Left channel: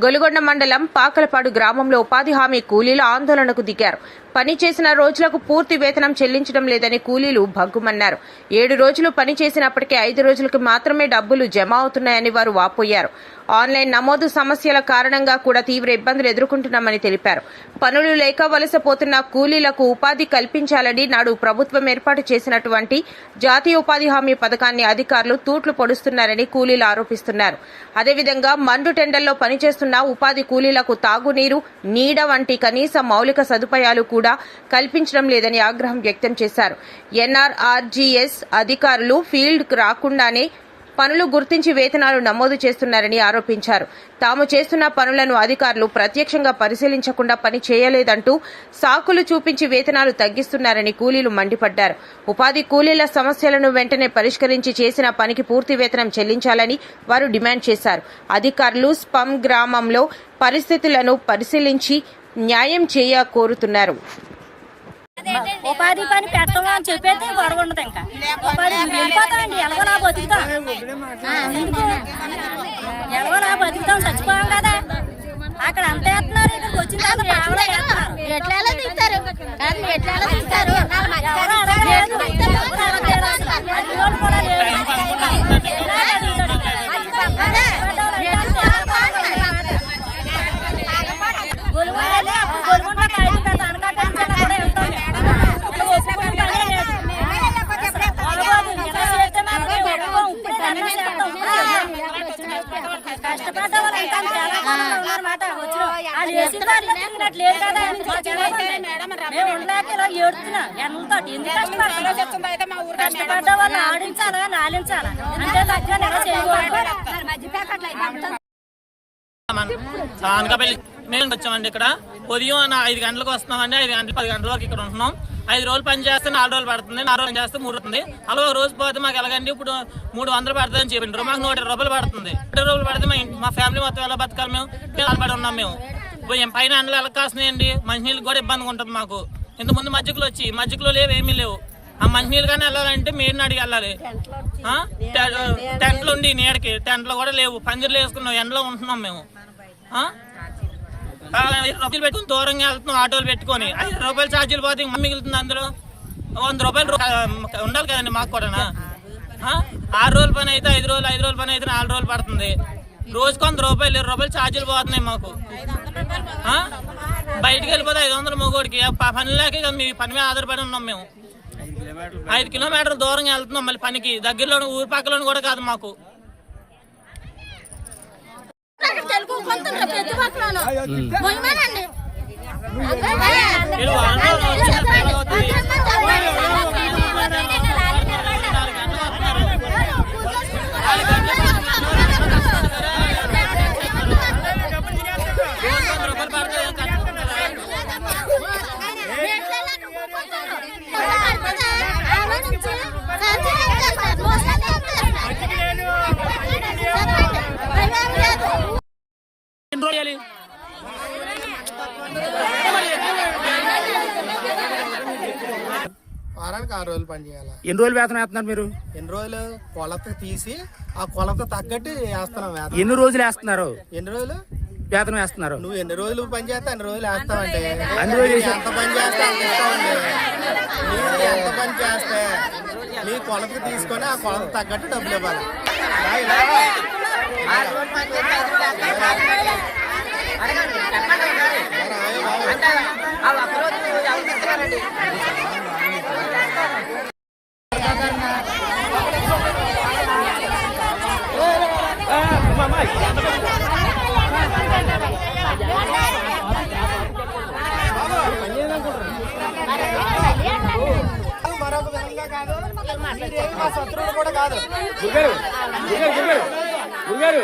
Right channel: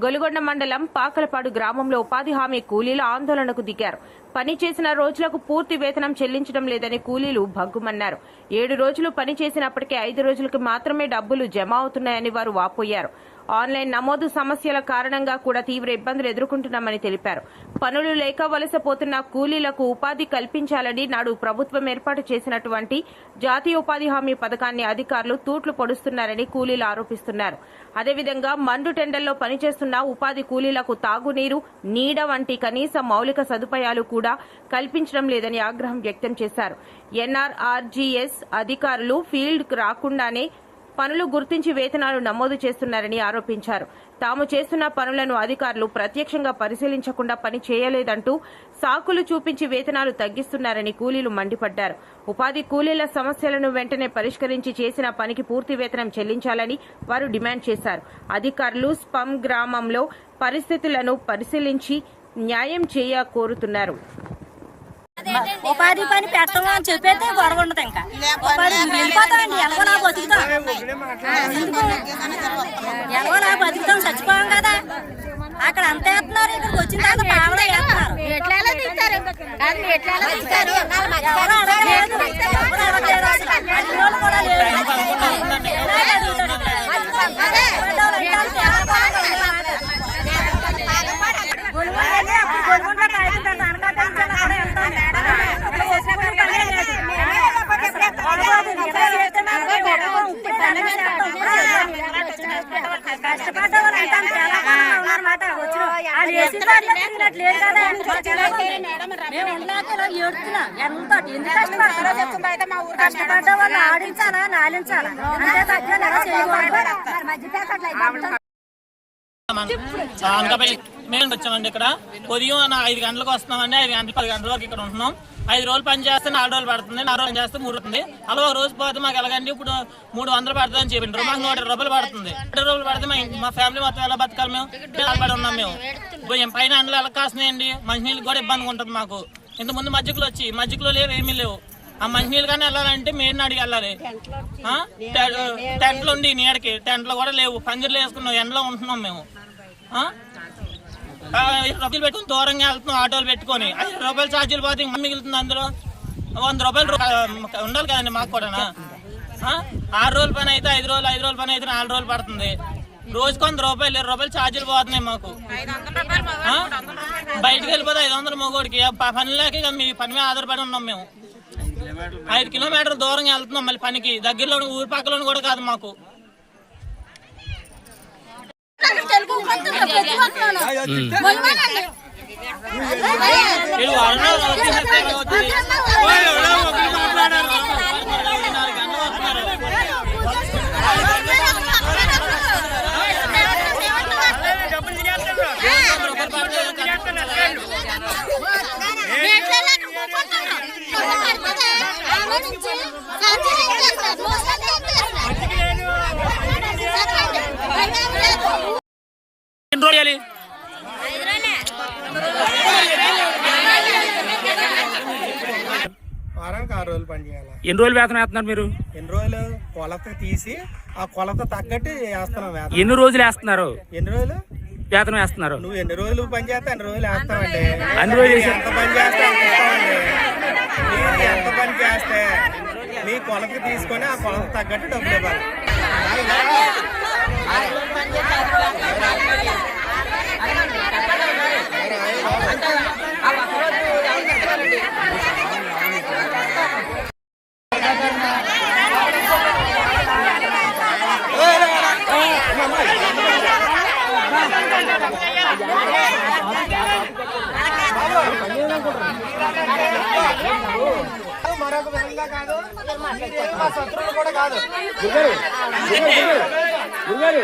గొలుగొండ మండలం పాకలపాడు గ్రామంలో ఉపాధి హామీ కూలీలు ఆందోళనకు దిగారు. పని చేసిన రోజులకు పూర్తి వేతనం చెల్లించడం లేదని కూలీలు భగ్గుమన్నారు. 7 రోజులు పని చేసినప్పటికీ 5 రోజులకు మాత్రమే డబ్బులు జమ అవుతున్నాయని వారు వాపోయారు. ఆన్లైన్ నమోదు సమస్యల కారణంగా కూడా తీవ్ర ఇబ్బందులు ఎదుర్కొంటున్నామని తెలిపారు. పనులు లేక వలసపోతున్న కూలీలకు ఉపాధి కల్పించాలని నాడు ప్రభుత్వం ఏర్పాటు చేసినటువంటి జాతీయ ఉపాధి హామీ పథకాన్ని అధికారులు తూట్లు పొడుస్తున్నారని కూలీలు ఆరోపిస్తున్నారు. అదేవిధంగా మండు టెండర్లో పనిచేస్తున్న ఉపాధి కూలీలకు తాగునీరు, నీడ వంటి కనీస మౌలిక సదుపాయాలు కూడా కల్పించడం లేదని ఆగ్రహం వ్యక్తం చేశారు. NRRGS అధికారులు ఫీల్డ్కు రాకుండానే పనులు గుర్తించి వేతనాలు నమోదు చేస్తున్నారని ఆరోపించారు. తాము చేస్తున్న పనులను అధికారులు ప్రత్యక్షంగా పరిశీలించకుండా పని చేయలేదంటూ సాకులు చూపించి వేతనాలు తగ్గిస్తున్నారని కూలీలు మండిపడ్డారు. ఉపాధి కూలీల సమస్యలను వెంటనే పరిష్కరించి చేసిన పనికి పూర్తి వేతనం చెల్లించాలని వారు డిమాండ్ చేశారు. అధికారులు స్పమ్ గ్రామంలో పరిస్థితులను పరిశీలించి న్యాయం కోరుతున్నారు. ఉపాధి పని పెట్టము అని చెప్పైతే గొడవ ఉండదు. ఇంకా ఉపాధి వెళ్ళిపోతామండి, ఎలాగోలా బతుకుతాం. ఎందుకు ఎలాగోలా బతుకుతాం, చచ్చిపోయాం కదా. అక్కడ అంత వేస్తున్నారు, ఇక్కడికి వచ్చిన తర్వాత పావలా వేస్తున్నారు. ఎవరు అడగలేదు, ఎవరు అడగలేదు, అసలు అడిగినోళ్ళు కూడా లేరు. ఇలాగే అడుగుతాడు గొలుగుంటే అప్పుడు గొలుగుంటే కష్టపడ్డ వాళ్ళు అంటే చాలా కాలంగా ఉన్నారన్నమాట. వచ్చిన వాళ్ళు వేసిన వాళ్ళు తిరిగినట్లేదు కదా. మేము ఉండలేక ఇలా ఏడుతున్నాం. ఎంతో ఎందుకు కష్టపడతారు? కష్టపడ్డ వాళ్ళు ఆడించాలా, నాలించాలా, అంతే తగ్గ నెల చేయకూడదు. మేము వచ్చామండి. ఇక్కడ ఉదయం 5 గంటలకు వస్తున్నామండి. 5 గంటలు 10 గంటల వరకు ఇక్కడ ఉంటున్నాం. 5 రోజులు పని చేస్తే 4 రోజులు పడుతుంది, 4 రోజులు చేస్తే 3 అవుతుంది. అలా ఒక రోజు పోతే మాకు ఎలాగండి, ఇప్పుడు 300 పడుతుందని చెప్పిండ్రు. మాకు 120 రూపాయలు పడుతుంది. 120 రూపాయలు పడితే మా ఫ్యామిలీ మొత్తం ఎలా బతకాలి? మేము పడి ఉన్నాం. మేము పైన అండ్లు ఎలా కాస్తున్నాయండి. మంచినీళ్ళకి కూడా ఇబ్బందిగా ఉంటుంది మాకు. ఇంతకుముందు మజ్జిగలో లేవు, ఏమీ లేవు. ఆ మంచినీళ్ళు కానీ వెళ్ళాలంటే మెయిన్ అడిగి వెళ్ళాలి. టెంట్లు ఉండి నీడకి టెంట్లు కూడా లేవు. పందిర్లు వేసుకున్నాం, ఎండలో ఉంటున్నాం మేము. 20 రూపాయలు పెట్టుకుని దూరంగా వెళ్తున్నాం ఆటోలు పెట్టుకొని. 5 రూపాయలు ఛార్జీలు పోతే ఇంకా మిగులుతుంది. అందులో 100 రూపాయలు ఉండాలి కదండి మాకు కూడా. 6 రోజుల పని అయితే 5 రోజులు, 5 రోజుల పని అయితే 4 రోజులు పడుతుంది. రోజుకు 100 రూపాయలు, 20 రూపాయలు ఛార్జీలు పోతున్నాయి మాకు. బయటకు వెళ్ళిపోతే 500 మొగోడికి పని లేక మీ పని మీద ఆధారపడి ఉన్నాం మేము. 5 కిలోమీటర్లు దూరంగా వెళ్తున్నాం మళ్ళీ పనికి. దగ్గరలో ఊరి పక్కలో కూడా కాదు మాకు. వారానికి 6 రోజులు పని చేయాలి. ఎన్ని రోజులు వేతనం వేస్తున్నారు మీరు? ఎన్ని రోజులు కొలత తీసి ఆ కొలత తగ్గట్టు వేస్తున్నాం వేతనం. ఎన్ని రోజులు వేస్తున్నారు? ఎన్ని రోజులు వేతనం వేస్తున్నారు? నువ్వు ఎన్ని రోజులు పని చేస్తే అన్ని రోజులు వేస్తామండి. అన్ని రోజులు ఎంత పని చేస్తే అంత ఇస్తామండి. మీరు ఎంత పని చేస్తే మీ కొలతకి తీసుకొని ఆ కొలత తగ్గట్టు డబ్బులు ఇవ్వాలి. మరొక విధంగా కాదు, మా శత్రువులు కూడా కాదు. గురుగారు